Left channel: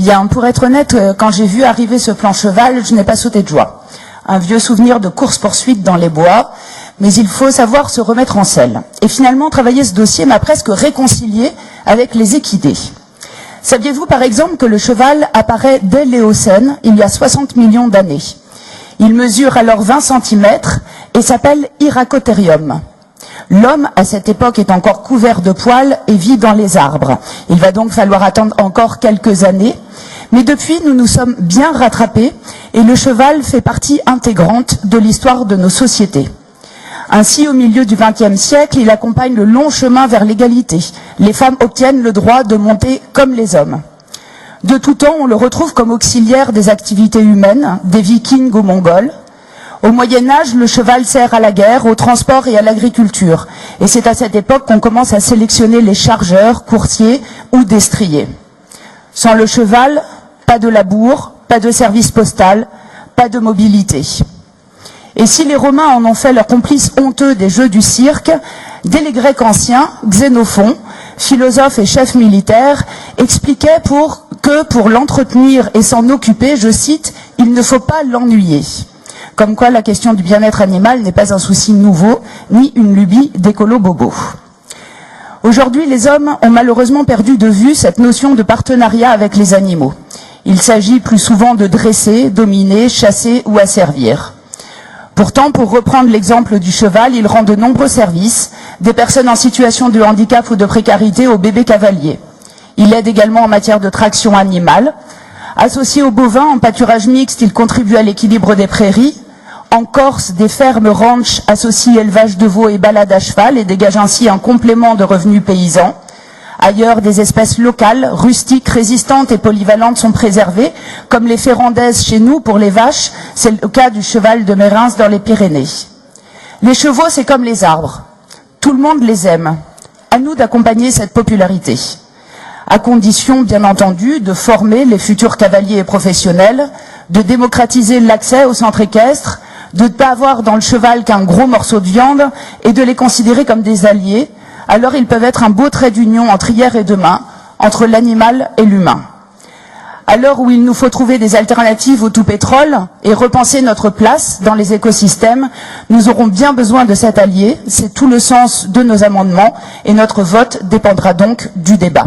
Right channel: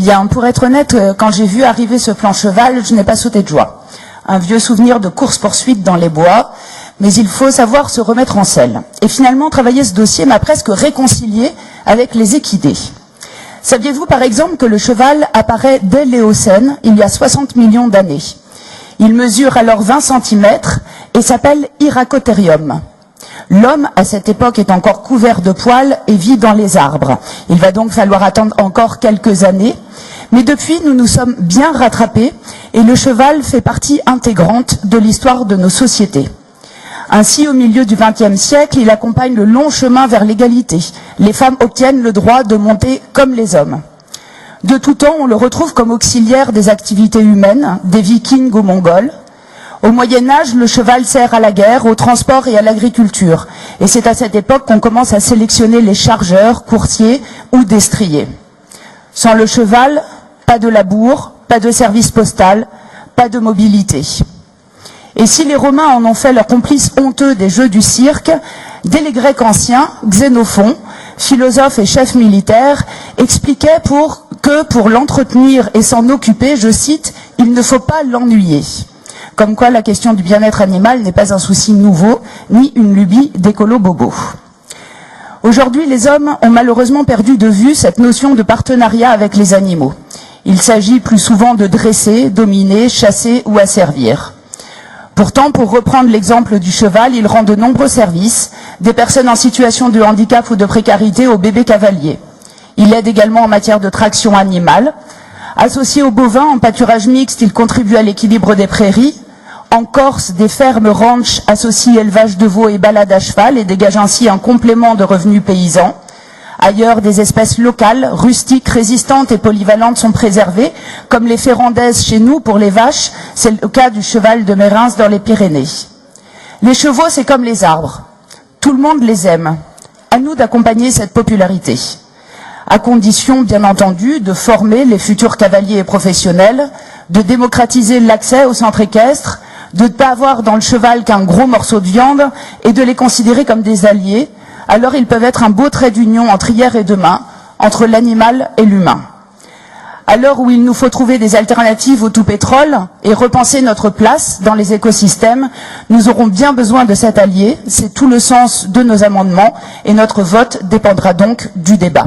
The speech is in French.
Bien, pour être honnête, quand j'ai vu arriver ce plan cheval, je n'ai pas sauté de joie. Un vieux souvenir de course-poursuite dans les bois, mais il faut savoir se remettre en selle. Et finalement, travailler ce dossier m'a presque réconcilié avec les équidés. Saviez-vous par exemple que le cheval apparaît dès l'Éocène, il y a 60 millions d'années? Il mesure alors 20 cm et s'appelle Hyracotherium. L'homme, à cette époque, est encore couvert de poils et vit dans les arbres. Il va donc falloir attendre encore quelques années. Mais depuis, nous nous sommes bien rattrapés et le cheval fait partie intégrante de l'histoire de nos sociétés. Ainsi, au milieu du XXe siècle, il accompagne le long chemin vers l'égalité. Les femmes obtiennent le droit de monter comme les hommes. De tout temps, on le retrouve comme auxiliaire des activités humaines, des Vikings aux Mongols. Au Moyen-Âge, le cheval sert à la guerre, au transport et à l'agriculture. Et c'est à cette époque qu'on commence à sélectionner les chargeurs, coursiers ou destriers. Sans le cheval, pas de labour, pas de service postal, pas de mobilité. Et si les Romains en ont fait leur complice honteux des jeux du cirque, dès les Grecs anciens, Xénophon, philosophe et chef militaire, expliquait que pour l'entretenir et s'en occuper, je cite, « il ne faut pas l'ennuyer ». Comme quoi la question du bien-être animal n'est pas un souci nouveau, ni une lubie d'écolo-bobo. Aujourd'hui, les hommes ont malheureusement perdu de vue cette notion de partenariat avec les animaux. Il s'agit plus souvent de dresser, dominer, chasser ou asservir. Pourtant, pour reprendre l'exemple du cheval, il rend de nombreux services, des personnes en situation de handicap ou de précarité aux bébés cavaliers. Il aide également en matière de traction animale. Associé aux bovins en pâturage mixte, il contribue à l'équilibre des prairies. En Corse, des fermes ranch associent élevage de veaux et balade à cheval et dégagent ainsi un complément de revenus paysans. Ailleurs, des espèces locales, rustiques, résistantes et polyvalentes sont préservées, comme les ferrandaises chez nous pour les vaches, c'est le cas du cheval de Mérins dans les Pyrénées. Les chevaux, c'est comme les arbres. Tout le monde les aime. À nous d'accompagner cette popularité. À condition, bien entendu, de former les futurs cavaliers et professionnels, de démocratiser l'accès au centre équestre, de ne pas avoir dans le cheval qu'un gros morceau de viande et de les considérer comme des alliés, alors ils peuvent être un beau trait d'union entre hier et demain, entre l'animal et l'humain. À l'heure où il nous faut trouver des alternatives au tout pétrole et repenser notre place dans les écosystèmes, nous aurons bien besoin de cet allié, c'est tout le sens de nos amendements et notre vote dépendra donc du débat.